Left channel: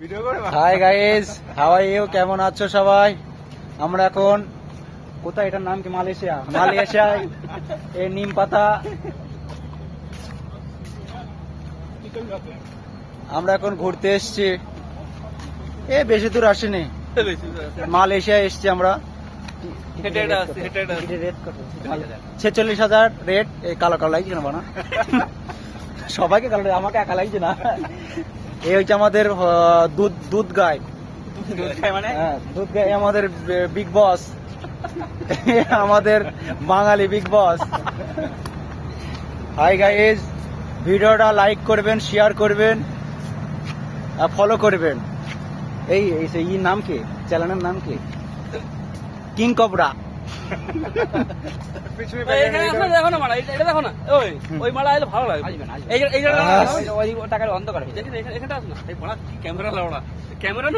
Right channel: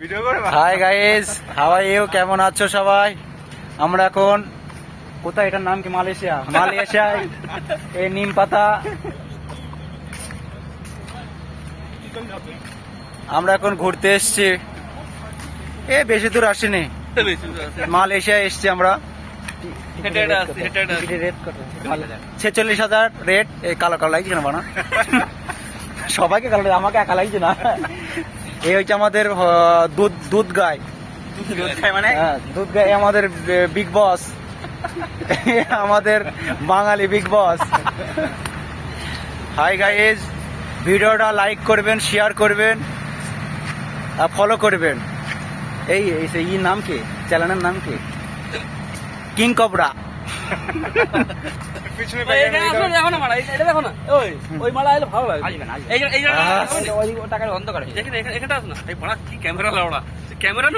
High guys, how are you? কেমন আছো সবাই? আমরা এখন কোথায়? এটার নাম কি? মালয়েশিয়ায় এই নিম পাতা। আমরা এখন ঘুরতে এসছি, বেশি দূর আসিনি, মালয়েশিয়ায় এসছি আমরা। 46,000 রেট। এই কালো কালো লাগছে না বানা, সবাইকে কালো, আমাকে একা লাগছে না। এই হচ্ছে আমাদের দুধ গাই, মানে দুধ গাই আমাদের বিগ বস, আমাদের বাঙালি বিগ বস। হাই গাইজ, ভিডিওটা লাইক করবেন, শেয়ার করবেন আর ফলো করবেন। এই নাম কি? চ্যানেলের নাম কি? কিং কবরা। ক্যামেরা